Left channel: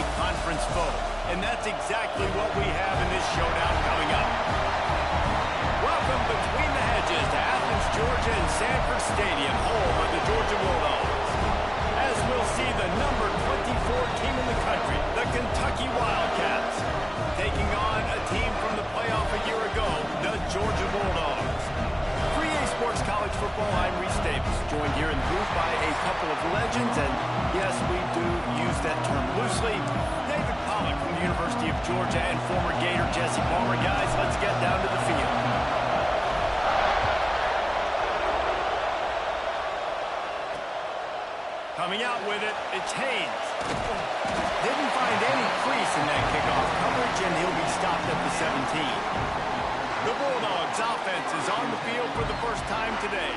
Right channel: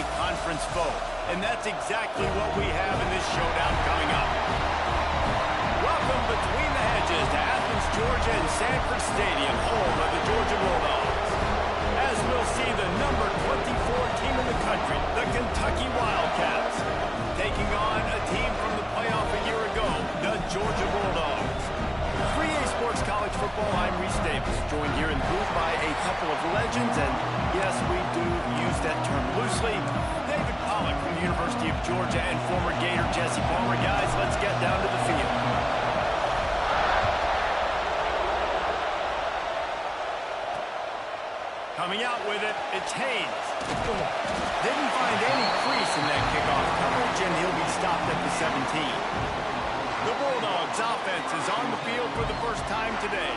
a conference foe. And that's exactly what we have in this showdown coming up. Welcome between the hedges to Athens, Georgia and Sanford Stadium, home of the Georgia Bulldogs. As we'll see the number 24 team in the country, the Kentucky Wildcats, taking on a team from the playoff a year ago, the Georgia Bulldogs. For EA Sports College Football, I'm Reese Davis, joined here in the booth by a couple of legends, and yes, we do use that term loosely. David Pollack from the University of Georgia and former Gator Jesse Palmer. Guys, let's get down to the field. Coming out with it, it's Haynes. Didn't find any crease in that kickoff coverage, and he'll be stopped at the 17. The Bulldogs offense is on the field for the first time today.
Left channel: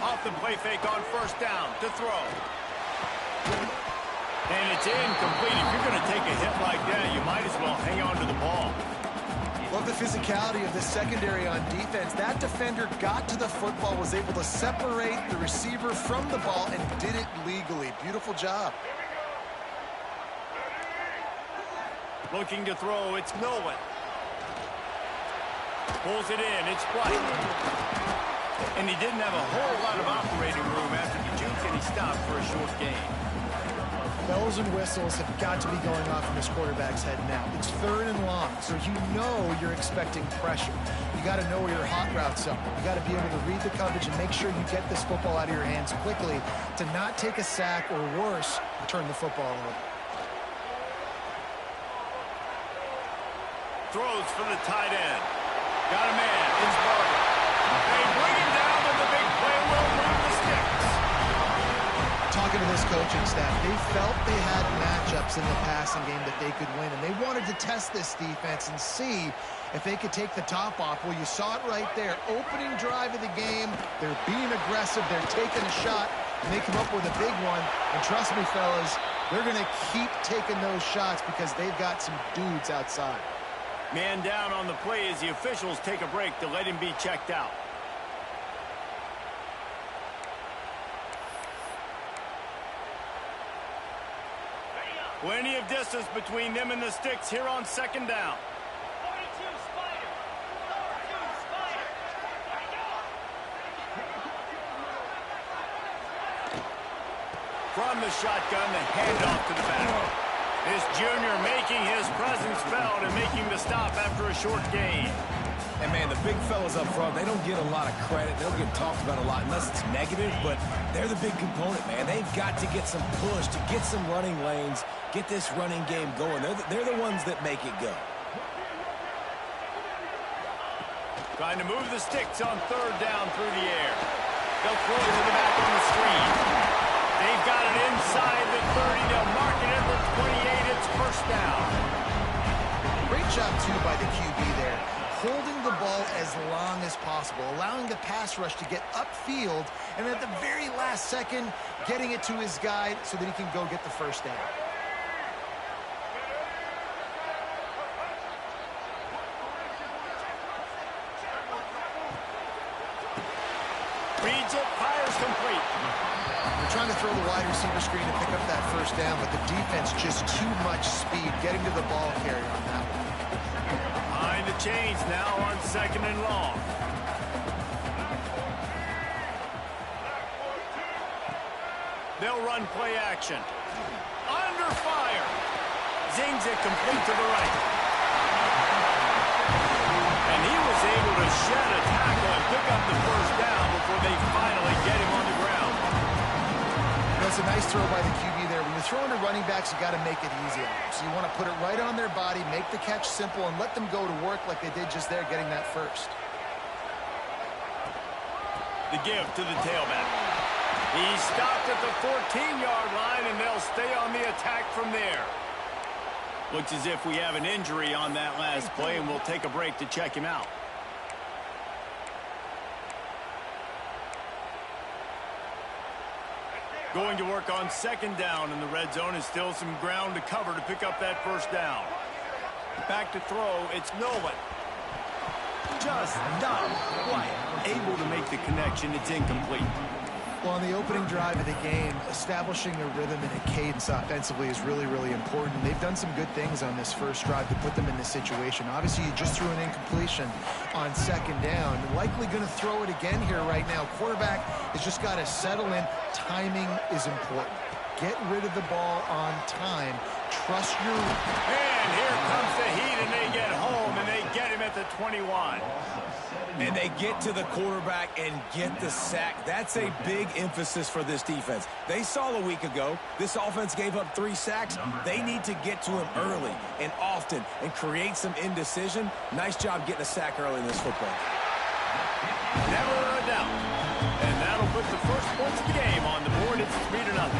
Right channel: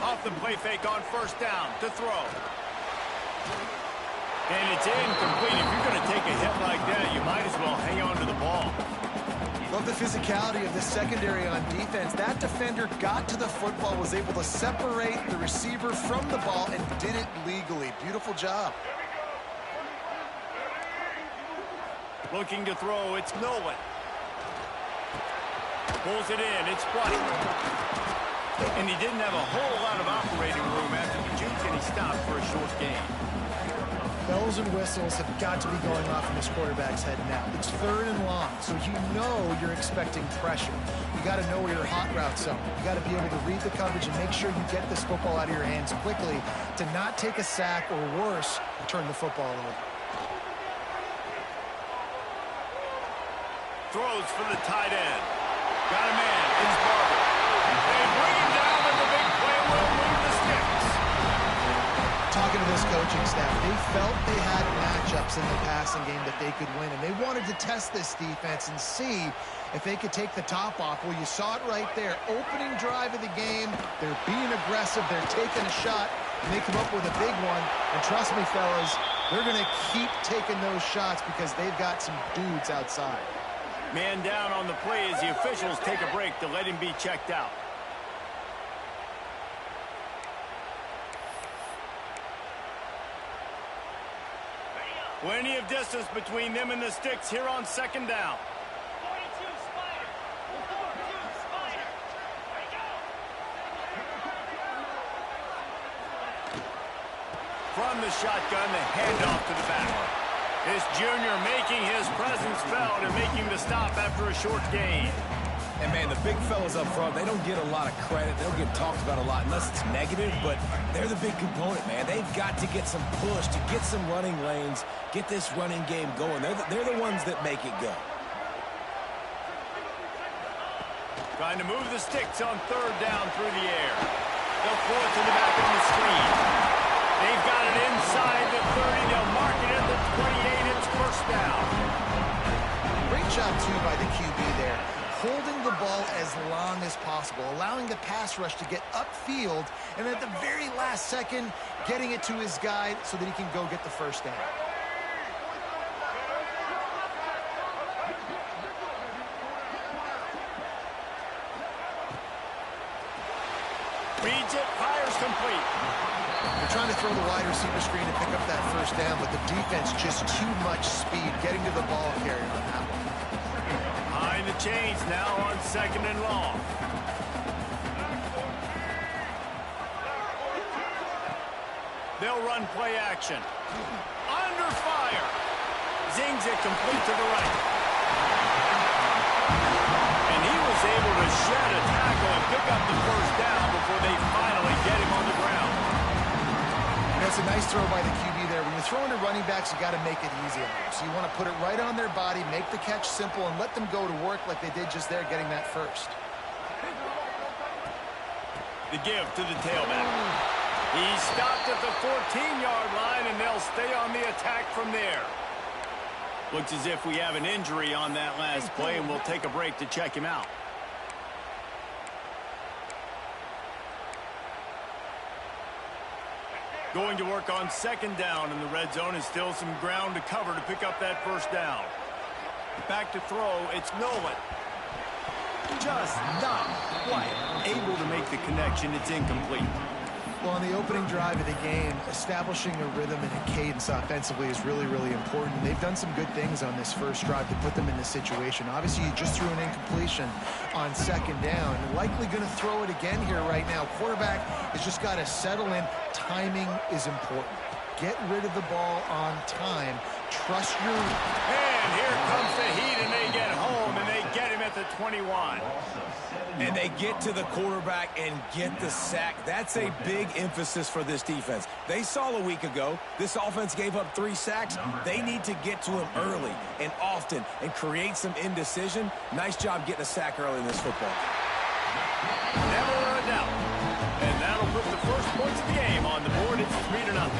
Off the play fake on first down to throw. And it's incomplete. If you're going to take a hit like that, you might as well hang on to the ball. Love the physicality of this secondary on defense. That defender got to the football, was able to separate the receiver from the ball, and did it legally. Beautiful job. Looking to throw, it's Nolan. Pulls it in, it's White. And he didn't have a whole lot of operating room after the juke, and he stopped for a short gain. Bells and whistles have got to be going off in this quarterback's head now. It's 3rd and long, so you know you're expecting pressure. You got to know where your hot routes are. You got to be able to read the coverage and make sure you get this football out of your hands quickly to not take a sack or worse, turn the football over. Throws for the tight end. Got a man. It's Barber. They bring him down, but the big play will move the sticks. Talking to this coaching staff, they felt they had matchups in the passing game that they could win, and they wanted to test this defense and see if they could take the top off. Well, you saw it right there. Opening drive of the game, they're being aggressive, they're taking a shot, and they come up with a big one. And trust me, fellas, they're going to keep taking those shots because they've got some dudes outside. Man down on the play as the officials take a break to let him be checked out. Plenty of distance between them and the sticks here on 2nd down. 42 Spider. 4-2 Spider. There you go. From the shotgun, the handoff to the back. This junior making his presence felt and making the stop after a short gain. And, man, the big fellas up front, they don't get a lot of credit. They don't get talked about a lot unless it's negative, but they're the big component, man. They've got to get some push, to get some running lanes, get this running game going. They're the ones that make it go. Trying to move the sticks on 3rd down through the air. They'll throw it to the back on the screen. They've got it inside the 30. They'll mark it at the 28. It's 1st down. Great job, too, by the QB there. Holding the ball as long as possible, allowing the pass rush to get upfield, and at the very last second, getting it to his guy so that he can go get the 1st down. Reads it, fires complete. They're trying to throw the wide receiver screen to pick up that 1st down, but the defense just too much speed getting to the ball carrier on that one. Behind the chains now on 2nd and long. They'll run play action. Under fire. Zings it complete to the right. And he was able to shed a tackle and pick up the 1st down before they finally get him on the ground. You know, it's a nice throw by the QB there. When you're throwing to running backs, you got to make it easy on them. So you want to put it right on their body, make the catch simple, and let them go to work like they did just there, getting that 1st. The give to the tailback. He stopped at the 14-yard line, and they'll stay on the attack from there. Looks as if we have an injury on that last play, and we'll take a break to check him out. Going to work on second down in the red zone, and still some ground to cover to pick up that first down. Back to throw, it's Nolan. Just not quite able to make the connection. It's incomplete. Well, on the opening drive of the game, establishing a rhythm and a cadence offensively is really, really important. They've done some good things on this first drive to put them in this situation. Obviously, you just threw an incompletion on second down. Likely going to throw it again here right now. Quarterback has just got to settle in. Timing is important. Get rid of the ball on time. Trust your... And here comes the heat, and they get home, and they get him at the 21. And they get to the quarterback and get the sack. That's a big emphasis for this defense. They saw a week ago, this offense gave up 3 sacks. They need to get to him early and often and create some indecision. Nice job getting a sack early in this football game. Never a doubt. And that'll put the first points of the game on the board. It's 3-0.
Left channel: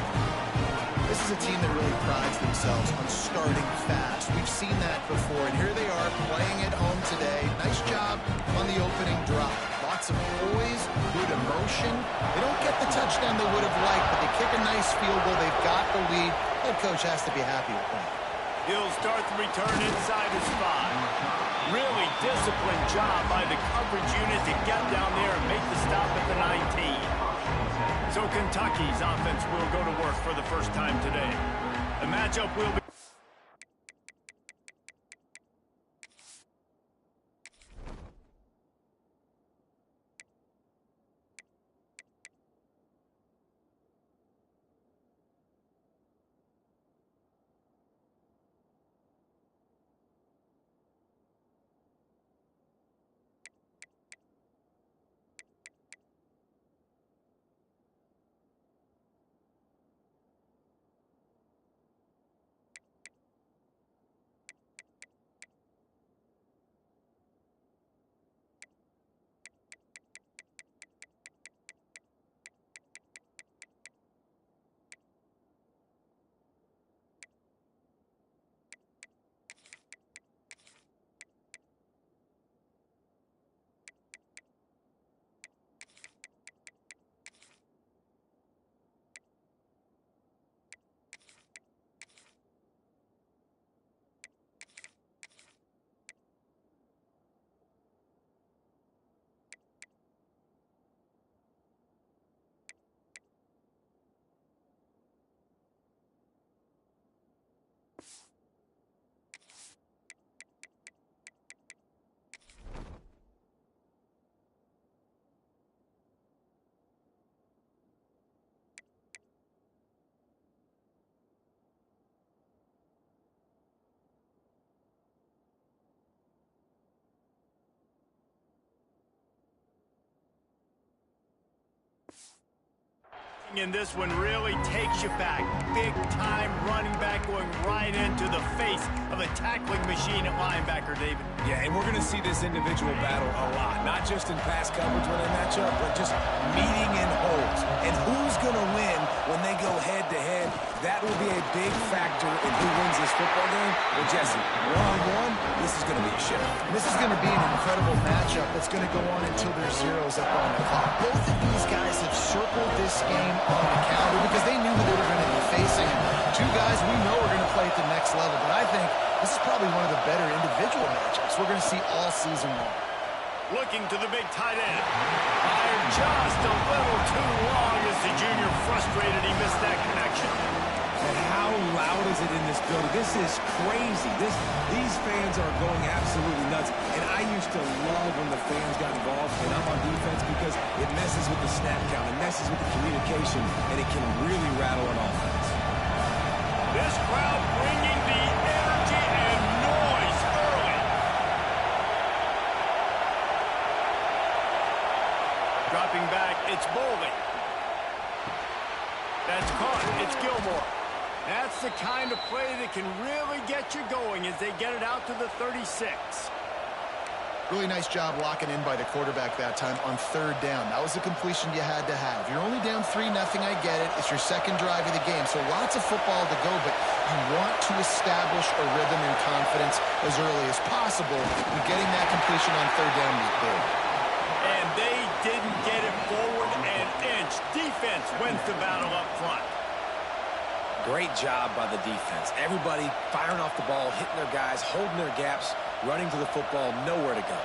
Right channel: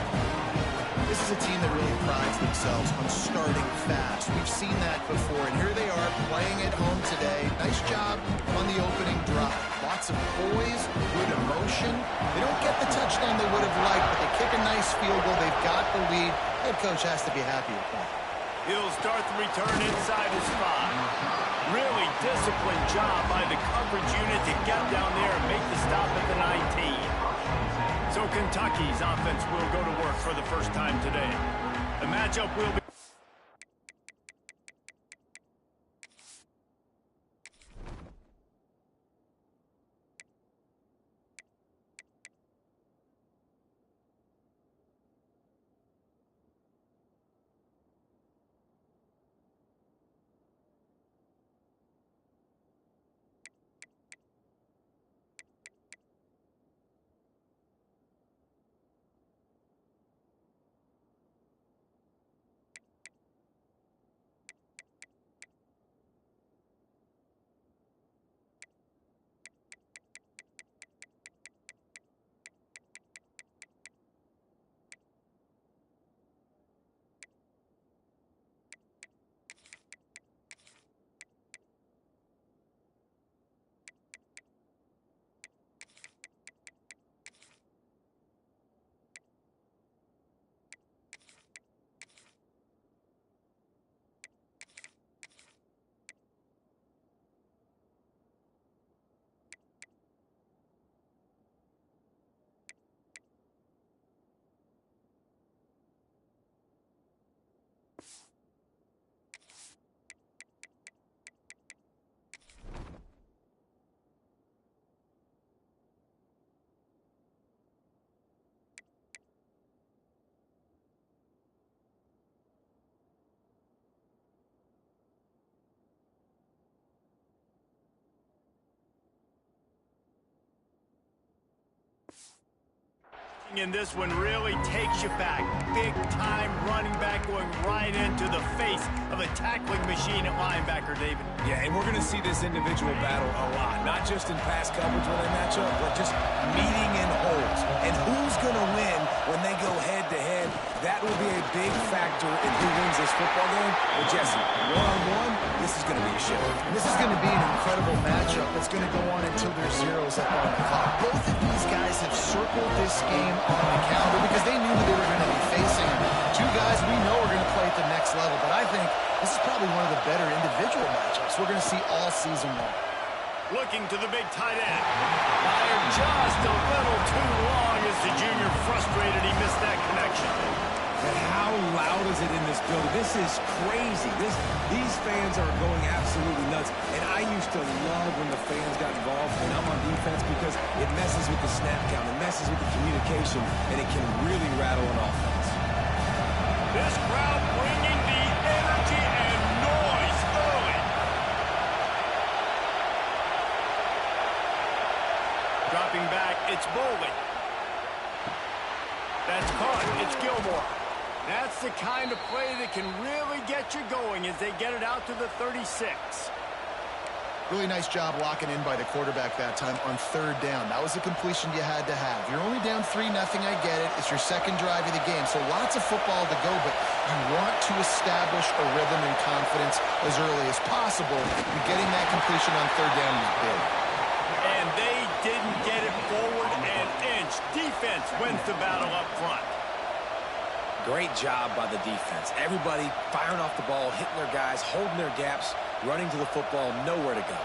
This is a team that really prides themselves on starting fast. We've seen that before, and here they are playing at home today. Nice job on the opening drive. Lots of poise, good emotion. They don't get the touchdown they would have liked, but they kick a nice field goal. They've got the lead. Head coach has to be happy with that. He'll start the return inside his 5. Really disciplined job by the coverage unit to get down there and make the stop at the 19. So Kentucky's offense will go to work for the first time today. The matchup will be... And this one really takes you back. Big time running back going right into the face of a tackling machine at linebacker, David. Yeah, and we're going to see this individual battle a lot. Not just in pass coverage when they match up, but just meeting in holes. And who's going to win when they go head-to-head? That will be a big factor in who wins this football game. Well, Jesse, one-on-one, this is going to be a show. This is going to be an incredible matchup that's going to go on until there's zeros up on the clock. Both of these guys have circled this game on the calendar because they knew who they were going to be facing. Two guys we know are going to play at the next level, but I think this is probably one of the better individual matchups we're going to see all season long. Looking to the big tight end. Fired just a little too long as the junior frustrated he missed that connection. And how loud is it in this building? This is crazy. These fans are going absolutely nuts. And I used to love when the fans got involved, and I'm on defense because it messes with the snap count, it messes with the communication, and it can really rattle an offense. This crowd bringing the energy and noise early. Dropping back, it's Bowling. That's caught. It's Gilmore. That's the kind of play that can really get you going as they get it out to the 36. Really nice job locking in by the quarterback that time on third down. That was the completion you had to have. You're only down 3-0, I get it. It's your second drive of the game, so lots of football to go, but you want to establish a rhythm and confidence as early as possible, and getting that completion on third down was big. And they didn't get it forward an inch. Which defense wins the battle up front? Great job by the defense. Everybody firing off the ball, hitting their guys, holding their gaps, running to the football, nowhere to go.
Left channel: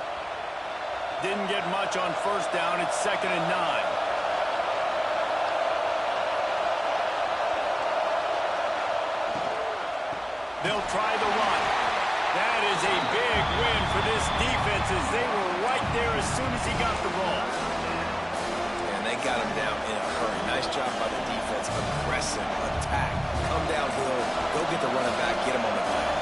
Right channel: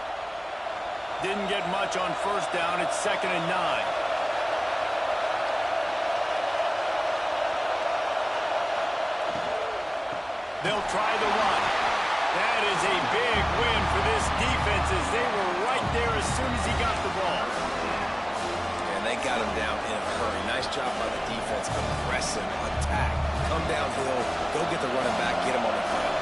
Didn't get much on first down. It's 2nd and 9. They'll try the run. That is a big win for this defense as they were right there as soon as he got the ball. And they got him down in a hurry. Nice job by the defense. Aggressive attack. Come downhill, go get the running back, get him on the ground.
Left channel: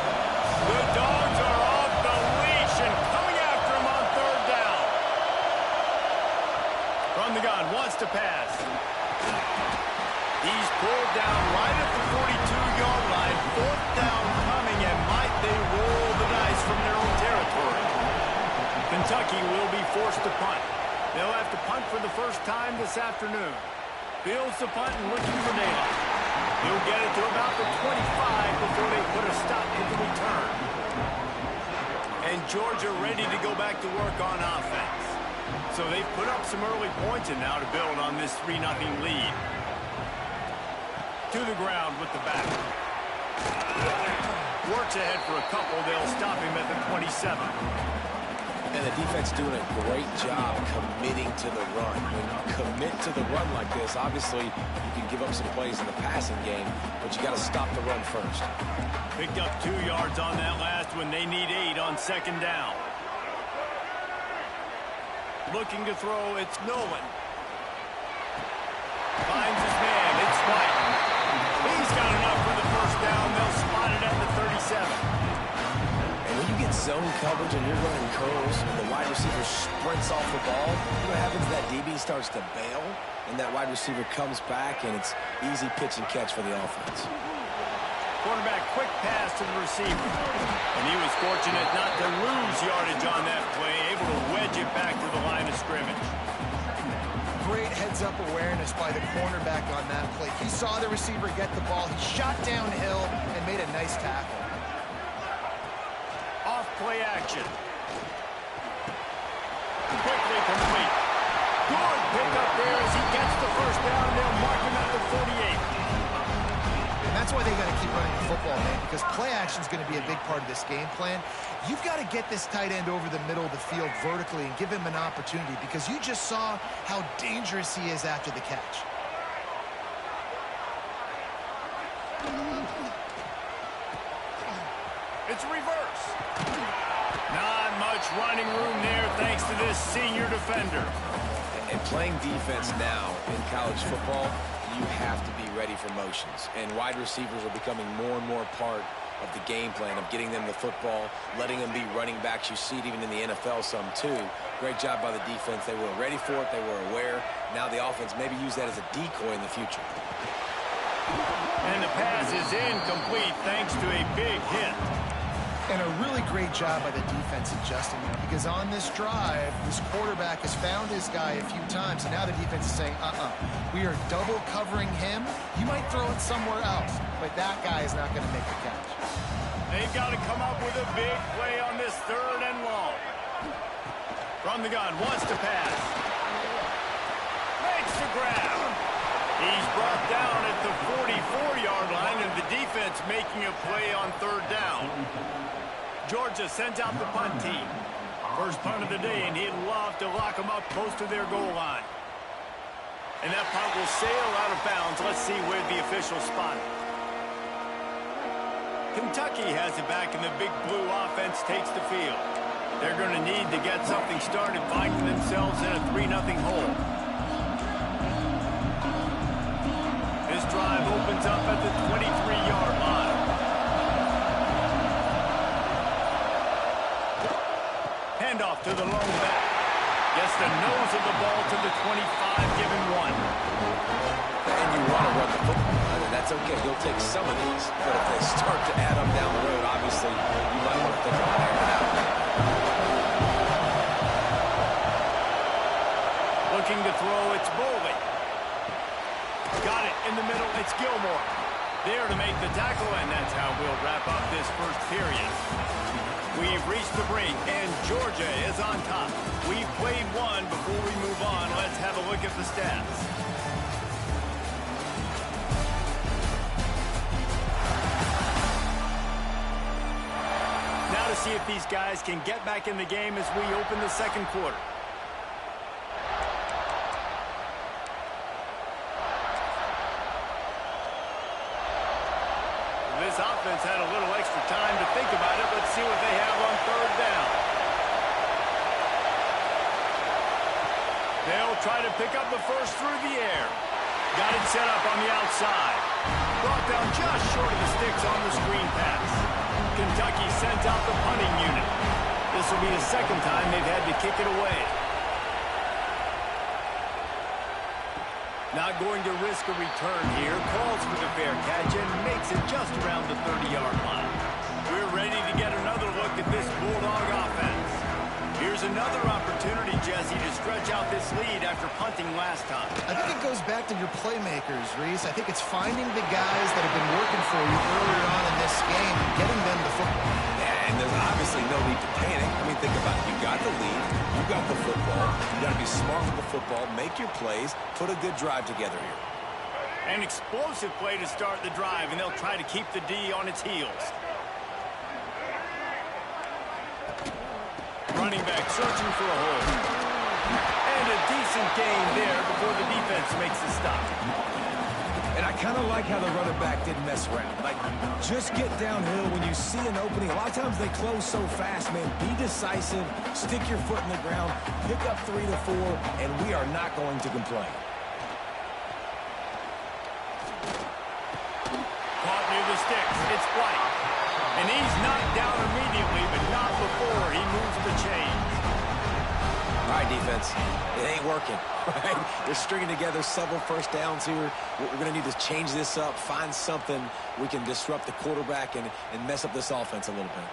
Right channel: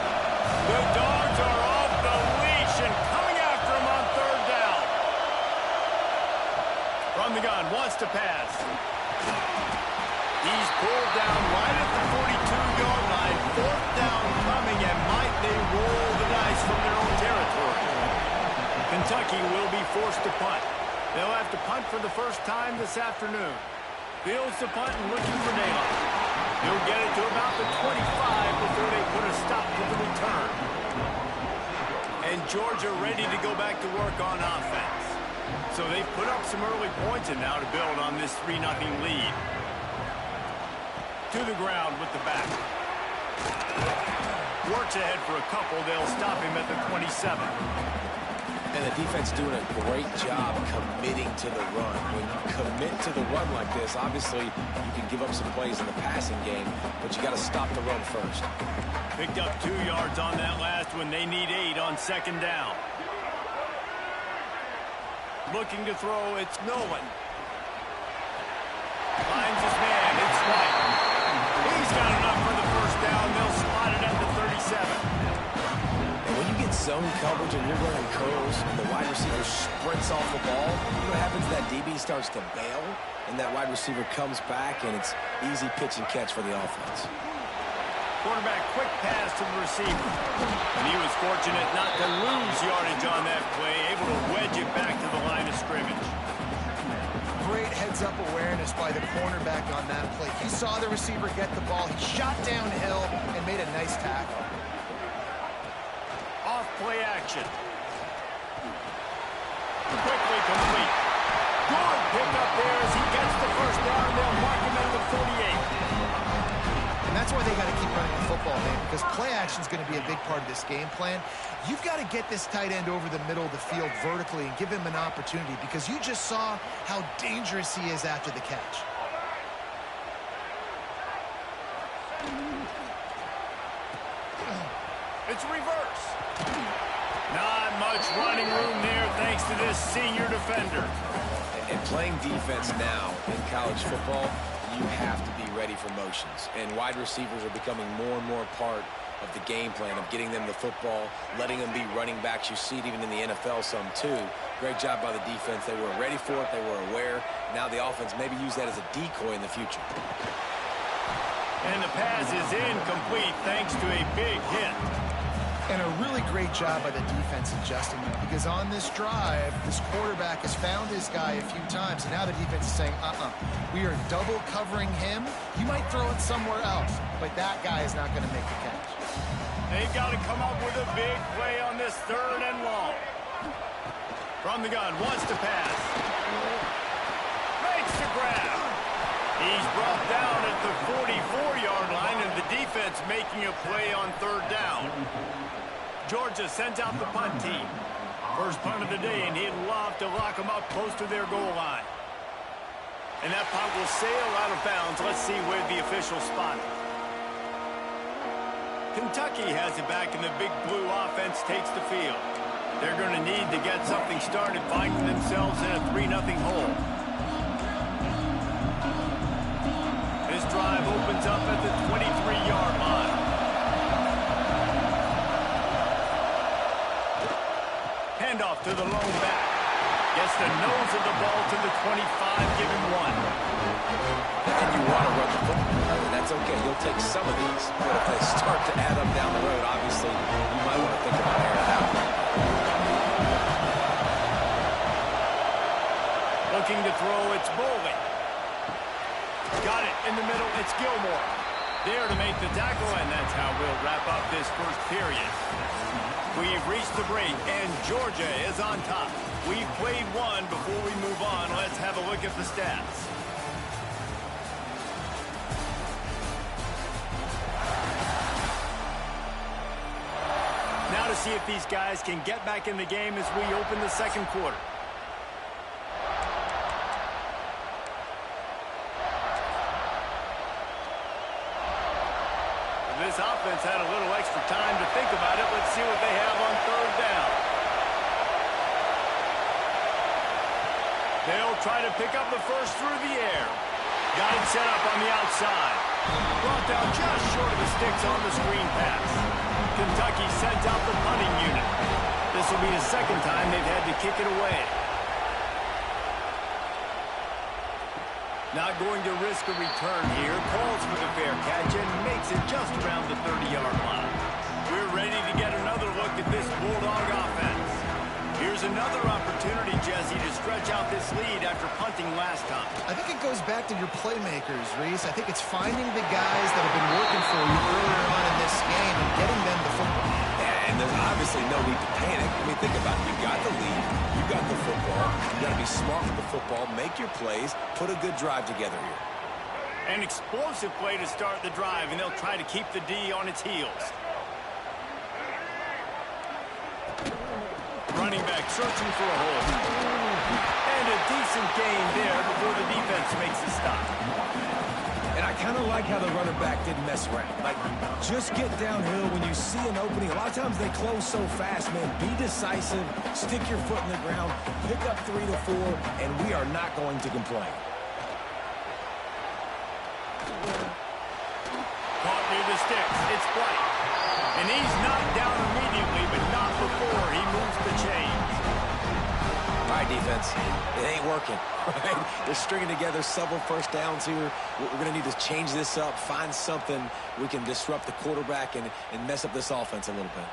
The Dogs are off the leash and coming after him on 3rd down. From the gun, wants to pass. He's pulled down right at the 42-yard line. 4th down coming, and might they roll the dice from their own territory. Kentucky will be forced to punt. They'll have to punt for the first time this afternoon. Fields the punt and looking for daylight. He'll get it to about the 25 before they put a stop to the return. And Georgia ready to go back to work on offense. So they've put up some early points and now to build on this 3-0 lead. To the ground with the back. Works ahead for a couple. They'll stop him at the 27. And the defense doing a great job committing to the run. When you commit to the run like this, obviously you can give up some plays in the passing game, but you got to stop the run first. Picked up 2 yards on that last one. They need 8 on 2nd down. Looking to throw, it's Nolan. Finds his man, it's White. He's got enough for the first down. They'll spot it at the 37. And when you get zone coverage and you're running curls and the wide receiver sprints off the ball, you know what happens? That DB starts to bail, and that wide receiver comes back, and it's easy pitch and catch for the offense. Quarterback quick pass to the receiver. And he was fortunate not to lose yardage on that play, able to wedge it back to the line of scrimmage. Great heads-up awareness by the cornerback on that play. He saw the receiver get the ball. He shot downhill and made a nice tackle. Off play action. Quickly complete. Good pickup there as he gets the first down, and they'll mark him at the 48. And that's why they got to keep running the football, man, because play action is going to be a big part of this game plan. You've got to get this tight end over the middle of the field vertically and give him an opportunity, because you just saw how dangerous he is after the catch. It's reverse. Not much running room there thanks to this senior defender. And playing defense now in college football, you have to be ready for motions. And wide receivers are becoming more and more part of the game plan of getting them the football, letting them be running backs. You see it even in the NFL some too. Great job by the defense. They were ready for it. They were aware. Now the offense maybe use that as a decoy in the future. And the pass is incomplete thanks to a big hit. And a really great job by the defense adjusting now, because on this drive, this quarterback has found his guy a few times, and now the defense is saying, we are double covering him. You might throw it somewhere else, but that guy is not going to make the catch. They've got to come up with a big play on this 3rd and long. From the gun, wants to pass. Makes the grab. He's brought down at the 44-yard line, and the defense making a play on 3rd down. Georgia sends out the punt team. First punt of the day, and he'd love to lock them up close to their goal line. And that punt will sail out of bounds. Let's see where the officials spot it. Kentucky has it back, and the Big Blue offense takes the field. They're going to need to get something started, finding themselves in a 3-0 hole. This drive opens up at the 23-yard line. Handoff to the lone back. Gets the nose of the ball to the 25, give him 1. And you want to run the football. I mean, that's okay. You'll take some of these. But if they start to add up down the road, obviously, you might want to think about airing it out. Looking to throw, it's Bowling. Got it in the middle, it's Gilmore. There to make the tackle, and that's how we'll wrap up this first period. We've reached the break, and Georgia is on top. We've played one. Before we move on, let's have a look at the stats. to see if these guys can get back in the game as we open the second quarter. This offense had a little extra time to think about it. Let's see what they have on third down. They'll try to pick up the first through the air. Got it set up on the outside. Brought down just short of the sticks on the screen pass. Kentucky sent out the punting unit. This will be the second time they've had to kick it away. Not going to risk a return here. Calls for the fair catch and makes it just around the 30-yard line. We're ready to get another look at this Bulldog offense. Here's another opportunity, Jesse, to stretch out this lead after punting last time. I think it goes back to your playmakers, Reese. I think it's finding the guys that have been working for you earlier on in this game and getting them the football. And there's obviously no need to panic. I mean, think about it. You got the lead. You got the football. You got to be smart with the football, make your plays, put a good drive together here. An explosive play to start the drive, and they'll try to keep the D on its heels. Running back searching for a hole. And a decent gain there before the defense makes the stop. And I kind of like how the running back didn't mess around. Like, just get downhill when you see an opening. A lot of times they close so fast, man. Be decisive, stick your foot in the ground, pick up 3 to 4, and we are not going to complain. Caught near the sticks. It's White. And he's knocked down immediately, but not before he moves the chains. All right, defense. It ain't working, right? They're stringing together several first downs here. We're going to need to change this up, find something we can disrupt the quarterback and mess up this offense a little bit.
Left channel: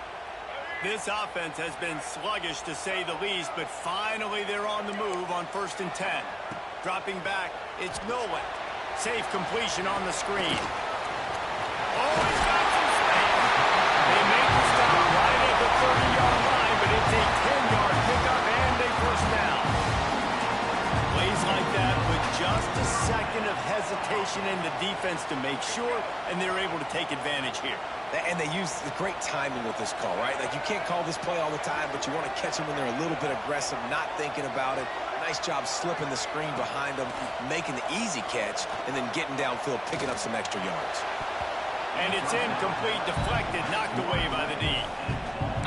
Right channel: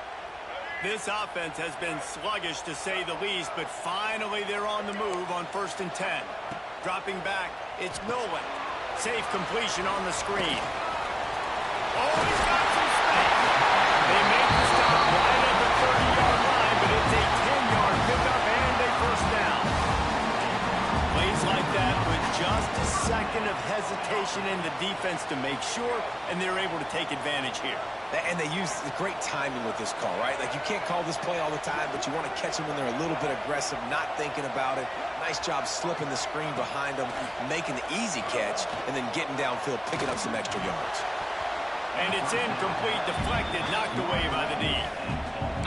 This offense has been sluggish, to say the least, but finally they're on the move on 1st and 10. Dropping back, it's Nolan. Safe completion on the screen. Oh, he's got some space. They make the stop right at the 30-yard line, but it's a 10-yard pickup and a first down. Plays like that with just a second of hesitation in the defense to make sure, and they're able to take advantage here. And they use the great timing with this call, right? Like, you can't call this play all the time, but you want to catch them when they're a little bit aggressive, not thinking about it. Nice job slipping the screen behind them, making the easy catch, and then getting downfield, picking up some extra yards. And it's incomplete, deflected, knocked away by the D.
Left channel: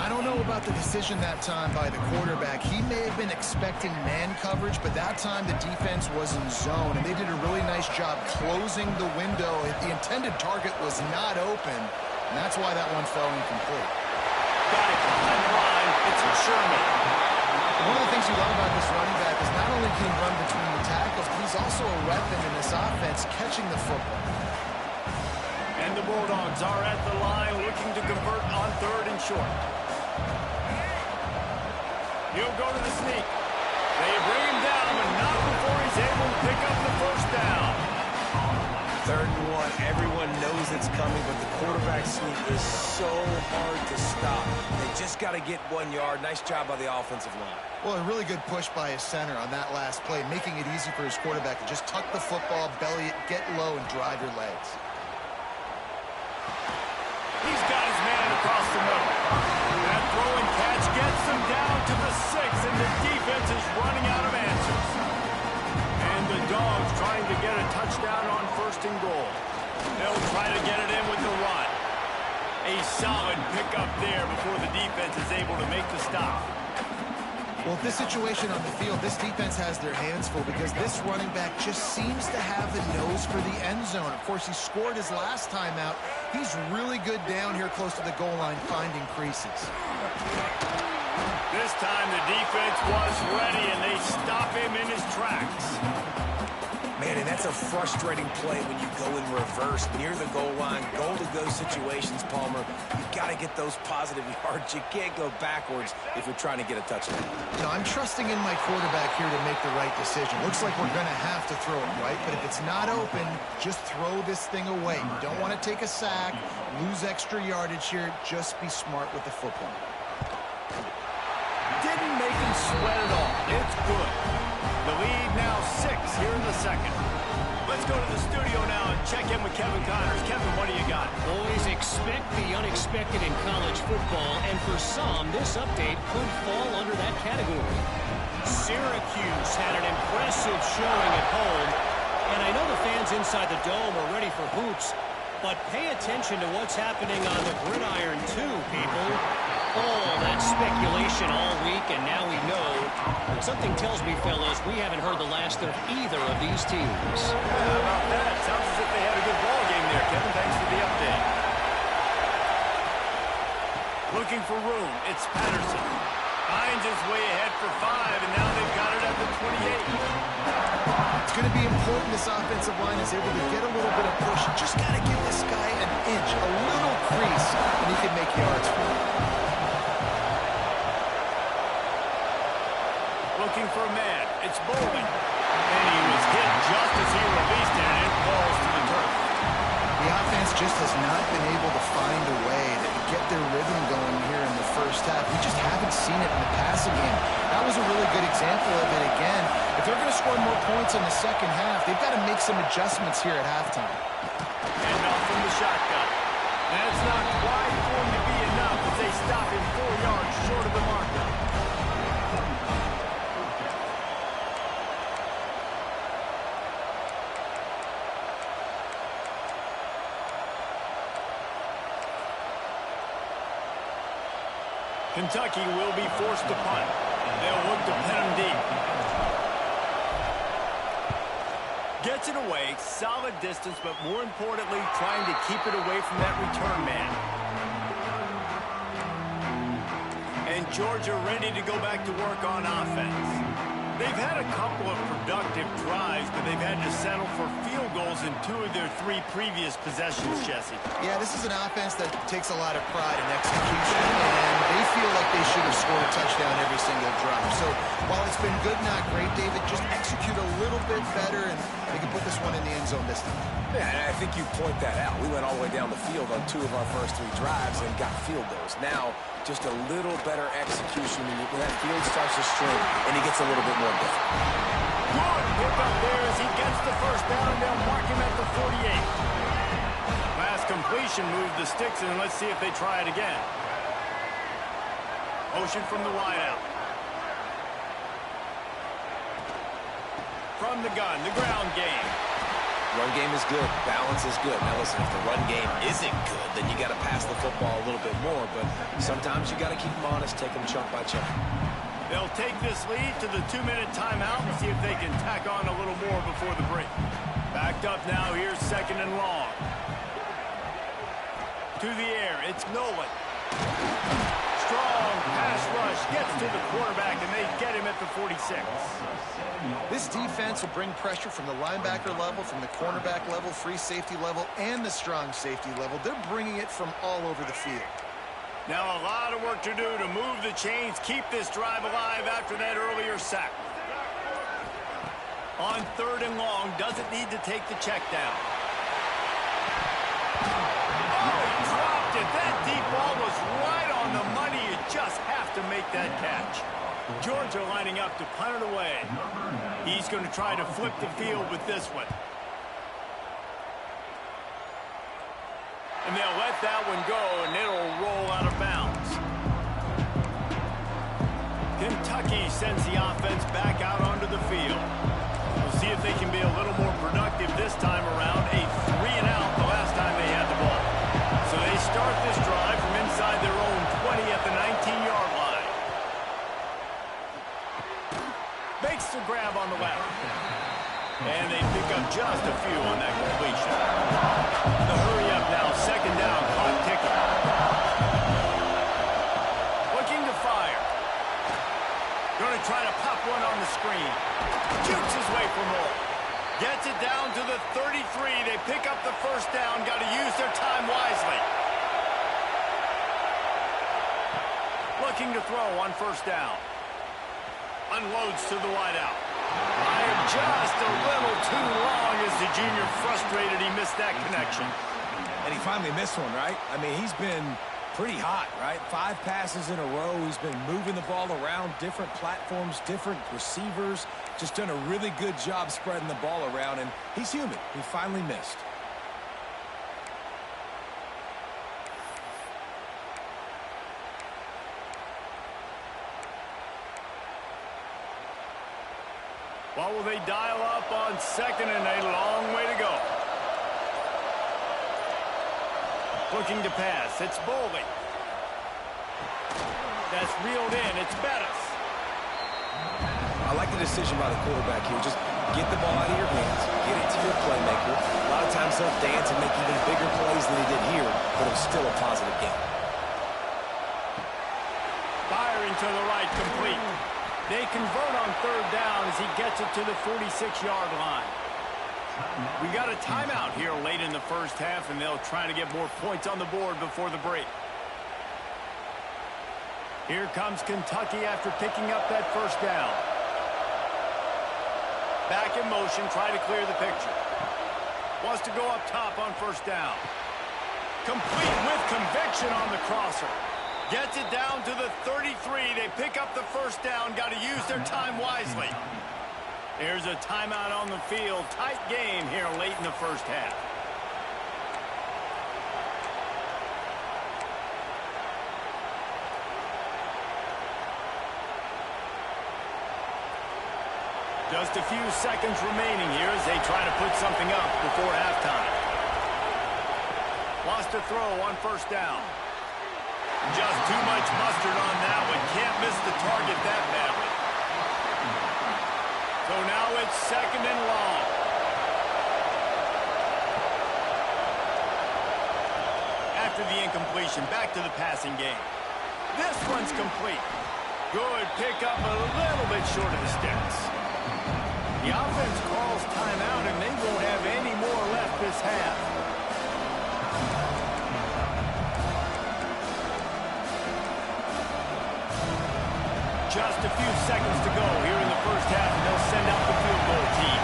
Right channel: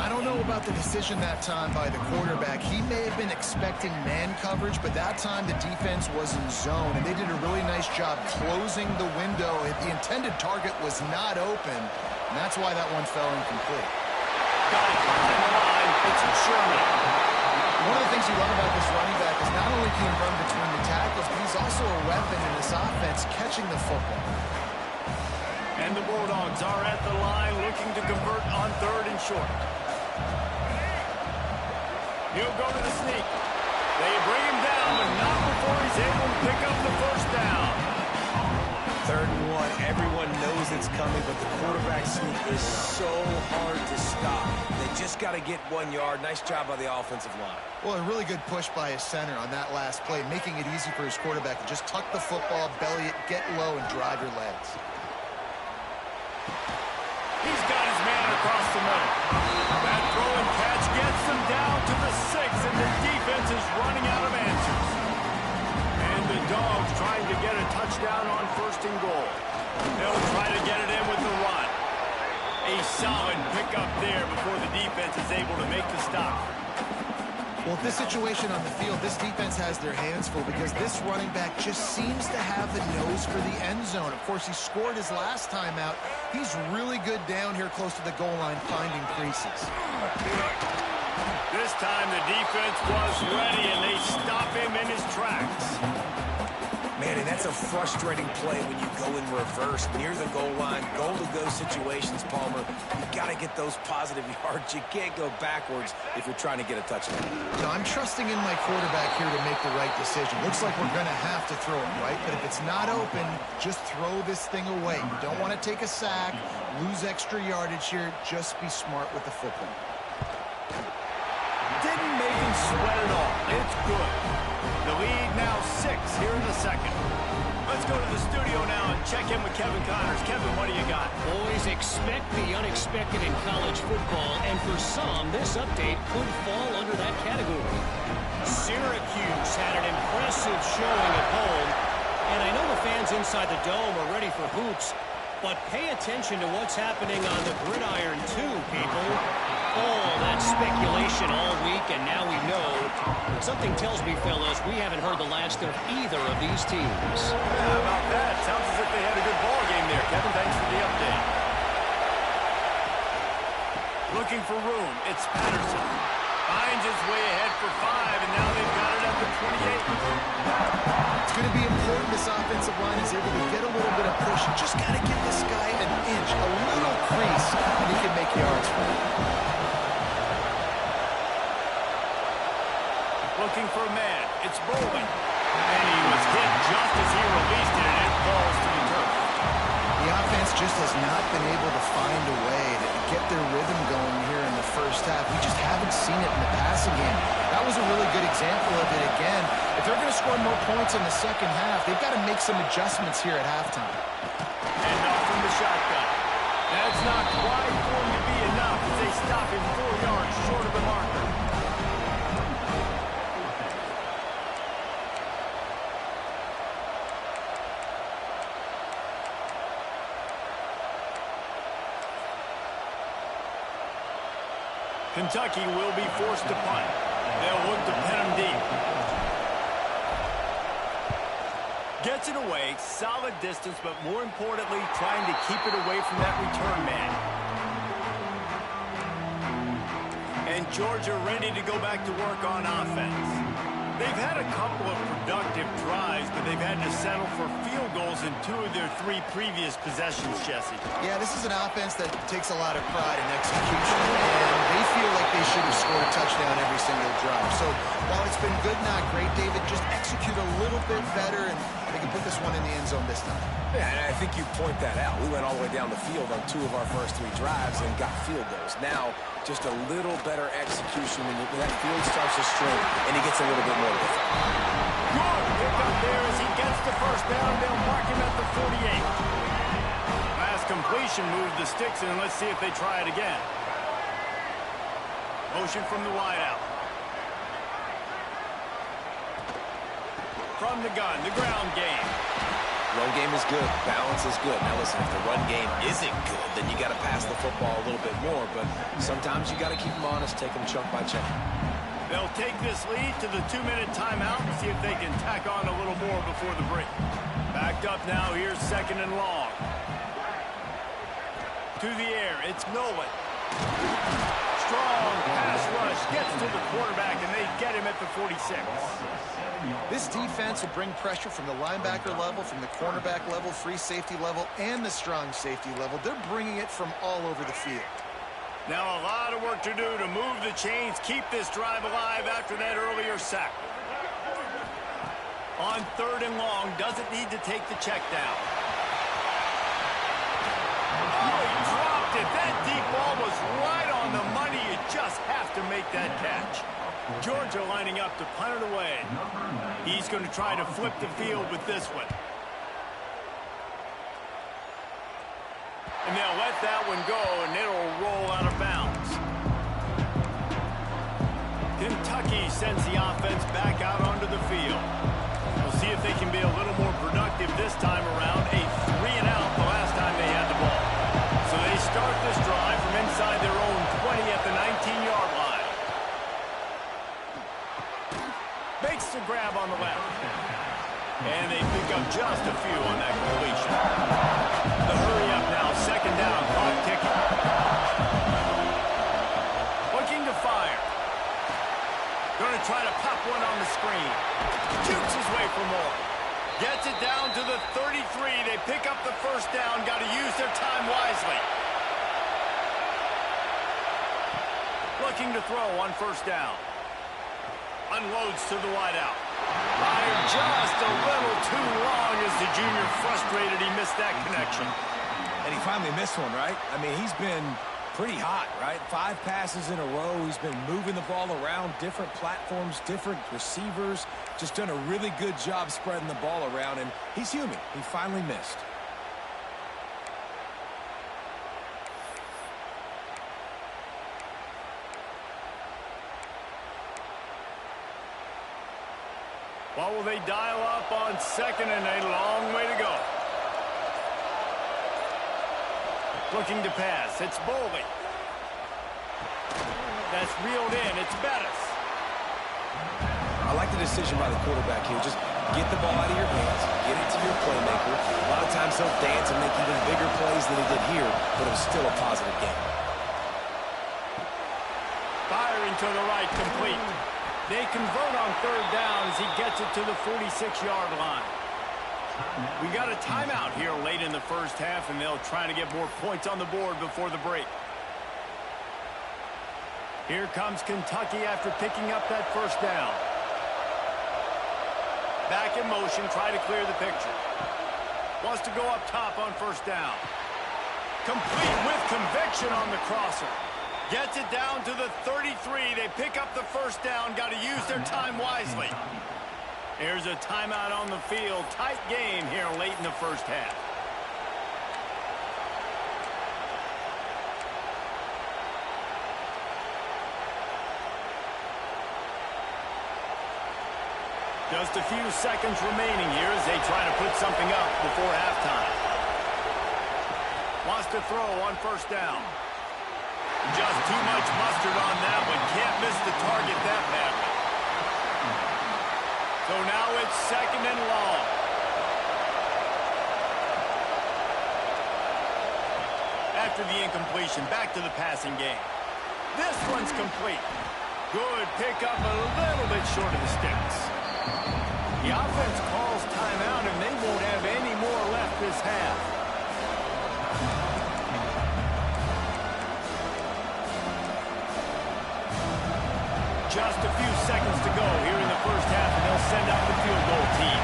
I don't know about the decision that time by the quarterback. He may have been expecting man coverage, but that time the defense was in zone, and they did a really nice job closing the window. The intended target was not open, and that's why that one fell incomplete. Got it behind the line. It's Sherman. One of the things you love about this running back is not only can he run between the tackles, but he's also a weapon in this offense catching the football. And the Bulldogs are at the line looking to convert on 3rd and short. He'll go to the sneak. They bring him down, but not before he's able to pick up the first down. 3rd and 1. Everyone knows it's coming, but the quarterback sneak is so hard to stop. They just got to get 1 yard. Nice job by the offensive line. Well, a really good push by his center on that last play, making it easy for his quarterback to just tuck the football, belly it, get low, and drive your legs. He's got his man across the middle. That throw and catch gets them down to the 6, and the defense is running out of answers. And the Dogs trying to get a touchdown on 1st and goal. They'll try to get it in with the run. A solid pickup there before the defense is able to make the stop. Well, this situation on the field, this defense has their hands full because this running back just seems to have the nose for the end zone. Of course, he scored his last time out. He's really good down here close to the goal line, finding creases. This time the defense was ready, and they stop him in his tracks. Man, and that's a frustrating play when you go in reverse near the goal line, goal-to-go situations, Palmer. You got to get those positive yards. You can't go backwards if you're trying to get a touchdown. No, I'm trusting in my quarterback here to make the right decision. Looks like we're going to have to throw it, right? But if it's not open, just throw this thing away. You don't want to take a sack, lose extra yardage here. Just be smart with the football. Didn't make him sweat at all. It's good. The lead now 6 here in the second. Let's Let's go to the studio now and check in with Kevin Connors. Kevin, what do you got? Boys, expect the unexpected in college football, and for some, this update could fall under that category. Syracuse had an impressive showing at home, and I know the fans inside the Dome are ready for hoops, but pay attention to what's happening on the gridiron too, people. All that speculation all week, and now we know. But something tells me, fellas, we haven't heard the last of either of these teams. Yeah, how about that? Sounds as if they had a good ball game there, Kevin. Thanks for the update. Looking for room. It's Patterson. Finds his way ahead for 5, and now they've got it at the 28. It's going to be important this offensive line is able to get a little bit of push. You just got to give this guy an inch, a little crease, and he can make yards for you. Looking for a man. It's Bowling. And he was hit just as he released it, and it falls to the turf. The offense just has not been able to find a way to get their rhythm going here in the first half. We just haven't seen it in the passing game. That was a really good example of it again. If they're going to score more points in the second half, they've got to make some adjustments here at halftime. And off from the shotgun. That's not quite going to be enough as they stop him 4 yards short of the marker. Kentucky will be forced to punt. They'll look to pin him deep. Gets it away, solid distance, but more importantly, trying to keep it away from that return man. And Georgia ready to go back to work on offense. They've had a couple of productive drives, but they've had to settle for field goals in 2 of their 3 previous possessions, Jesse. Yeah, this is an offense that takes a lot of pride in execution, and they feel like they should have scored a touchdown every single drive. So while it's been good, not great, David, just execute a little bit better, and they can put this one in the end zone this time. Yeah, and I think you point that out. We went all the way down the field on 2 of our first 3 drives and got field goals. Now, just a little better execution when that field starts to string and he gets a little bit more difficult. Good pick up there as he gets the first down. They'll mark him at the 48. Last completion moved the sticks in. Let's see if they try it again. Motion from the wideout. From the gun, the ground game. Run game is good. Balance is good. Now, listen, if the run game isn't good, then you got to pass the football a little bit more. But sometimes you got to keep them honest, take them chunk by chunk. They'll take this lead to the 2-minute timeout and see if they can tack on a little more before the break. Backed up now. Here's 2nd and long. To the air. It's Nolan. Strong pass rush. Gets to the quarterback, and they get him at the 46. This defense will bring pressure from the linebacker level, from the cornerback level, free safety level, and the strong safety level. They're bringing it from all over the field. Now a lot of work to do to move the chains, keep this drive alive after that earlier sack. On 3rd and long, doesn't need to take the check down. Oh, he dropped it. That deep ball was right on the money. You just have to make that catch. Georgia lining up to punt it away. He's going to try to flip the field with this one. And they'll let that one go, and it'll roll out of bounds. Kentucky sends the offense back out onto the field. We'll see if they can be a little more productive this time around. A 3-and-out the last time they had the ball. So they start this drive from inside their own 20 at the 19-yard line. Makes the grab on the left. And they pick up just a few on that completion. The hurry up now, 2nd down, clock ticking. Looking to fire. Going to try to pop one on the screen. Jukes his way for more. Gets it down to the 33. They pick up the 1st down. Got to use their time wisely. Looking to throw on 1st down. Unloads to the wideout. Fired just a little too long as the junior frustrated he missed that connection. And he finally missed one, right? I mean, he's been Pretty hot, right? 5 passes in a row. He's been moving the ball around, different platforms, different receivers. Just done a really good job spreading the ball around, and he's human. He finally missed. What will they dial up on second and a long way to go? Looking to pass. It's Boley. That's reeled in. It's Bettis. I like the decision by the quarterback here. Just get the ball out of your hands. Get it to your playmaker. A lot of times he'll dance and make even bigger plays than he did here, but it was still a positive game. Firing to the right, complete. They convert on third down as he gets it to the 46-yard line. We got a timeout here late in the first half, and they'll try to get more points on the board before the break. Here comes Kentucky after picking up that first down. Back in motion, try to clear the picture. Wants to go up top on first down. Complete with conviction on the crosser. Gets it down to the 33. They pick up the first down. Got to use their time wisely. There's a timeout on the field. Tight game here late in the first half. Just a few seconds remaining here as they try to put something up before halftime. Wants to throw on first down. Just too much mustard on that one. Can't miss the target that badly. So now it's second and long. After the incompletion, back to the passing game. This one's complete. Good pickup, a little bit short of the sticks. The offense calls timeout, and they won't have any more left this half. Just a few seconds to go here in the first half, and they'll send out the field goal team.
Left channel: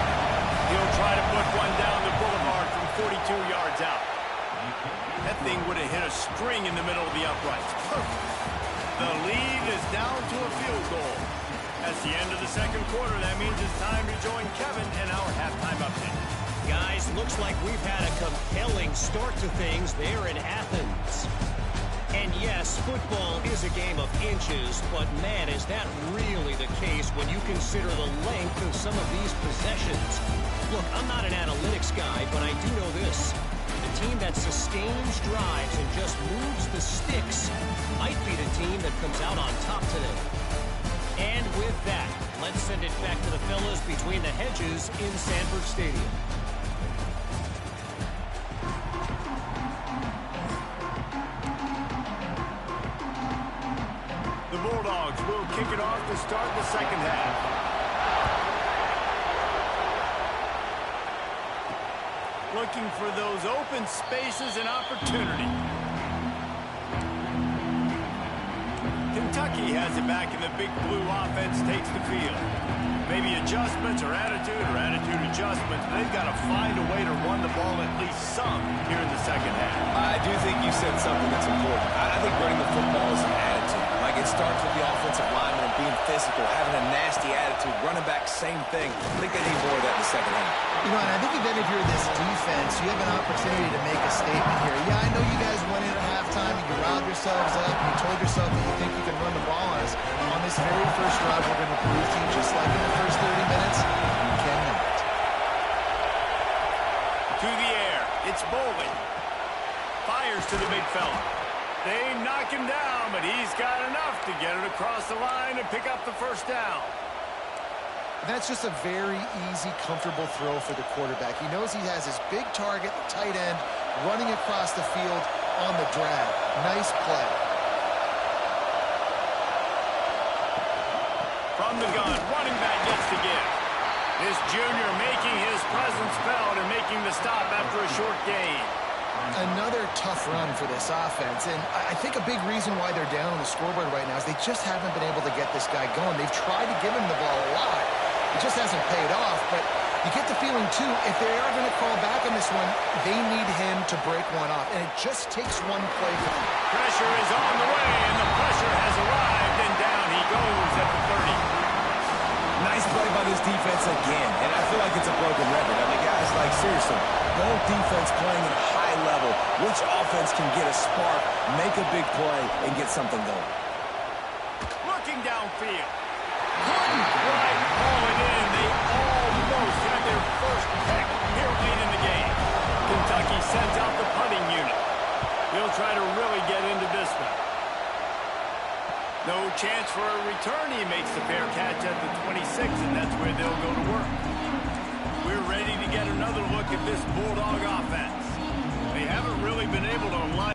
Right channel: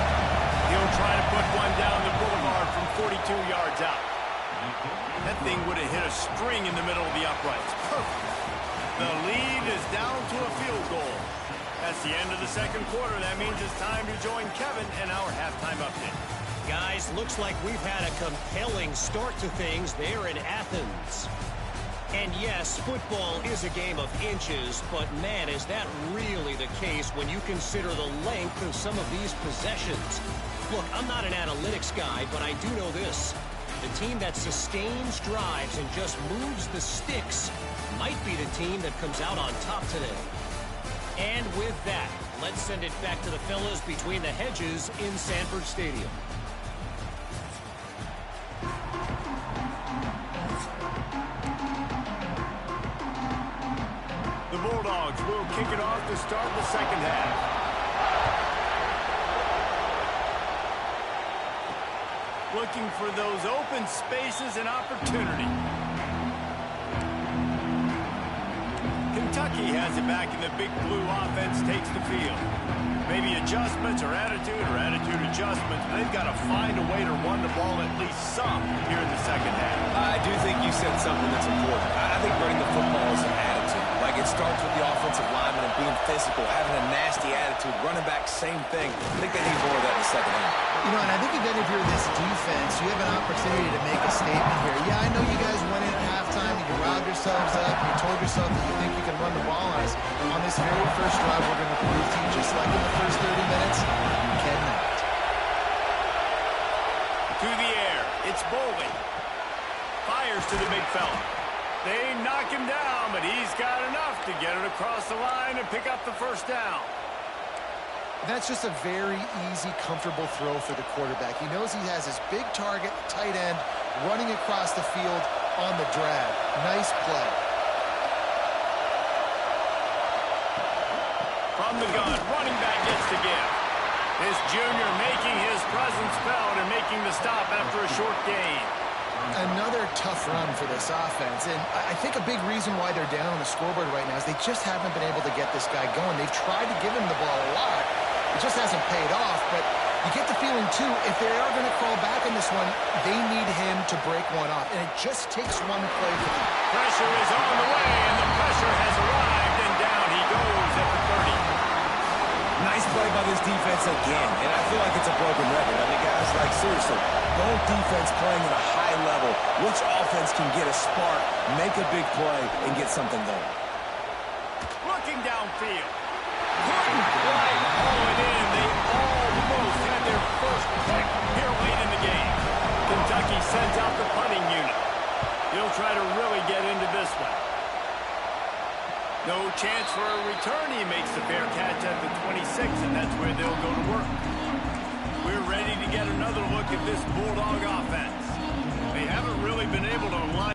He'll try to put one down the boulevard from 42 yards out. That thing would have hit a string in the middle of the uprights. Perfect. The lead is down to a field goal. That's the end of the second quarter. That means it's time to join Kevin in our halftime update. Guys, looks like we've had a compelling start to things there in Athens. And yes, football is a game of inches, but man, is that really the case when you consider the length of some of these possessions. Look, I'm not an analytics guy, but I do know this. The team that sustains drives and just moves the sticks might be the team that comes out on top today. And with that, let's send it back to the fellas between the hedges in Sanford Stadium. The Bulldogs will kick it off to start the second half. Looking for those open spaces and opportunity. Kentucky has it back, and the big blue offense takes the field. Maybe adjustments or attitude adjustments, but they've got to find a way to run the ball at least some here in the second half. I do think you said something that's important. I think running the football is an attitude. Like, it starts with the offensive lineman and being physical, having a nasty attitude. Running back, same thing. I think they need more of that in the second half. You know, and I think even if you're this defense, you have an opportunity to make a statement here. Yeah, I know you guys went in at halftime and you riled yourselves up and you told yourself that you think you can run the ball on us. On this very first drive, we're going to prove to you, just like in the first 30 minutes, you cannot. To the air, it's Boley. Fires to the big fella. They knock him down, but he's got enough to get it across the line and pick up the first down. That's just a very easy, comfortable throw for the quarterback. He knows he has his big target, the tight end, running across the field on the drag. Nice play. From the gun, running back gets the give. This junior making his presence felt and making the stop after a short gain. Another tough run for this offense, and I think a big reason why they're down on the scoreboard right now is they just haven't been able to get this guy going. They've tried to give him the ball a lot. It just hasn't paid off, but You get the feeling, too, if they are going to crawl back in this one, they need him to break one off. And it just takes one play for them. Pressure is on the way, and the pressure has arrived, and down he goes at the 30. Nice play by this defense again, and I feel like it's a broken record. I mean, guys, like, seriously, both defense playing at a high level. Which offense can get a spark, make a big play, and get something going? Looking downfield. Couldn't quite haul it in. They almost had their first pick here late in the game. Kentucky sends out the punting unit. He'll try to really get into this one. No chance for a return. He makes the fair catch at the 26, and that's where they'll go to work. We're ready to get another look at this Bulldog offense. They haven't really been able to line.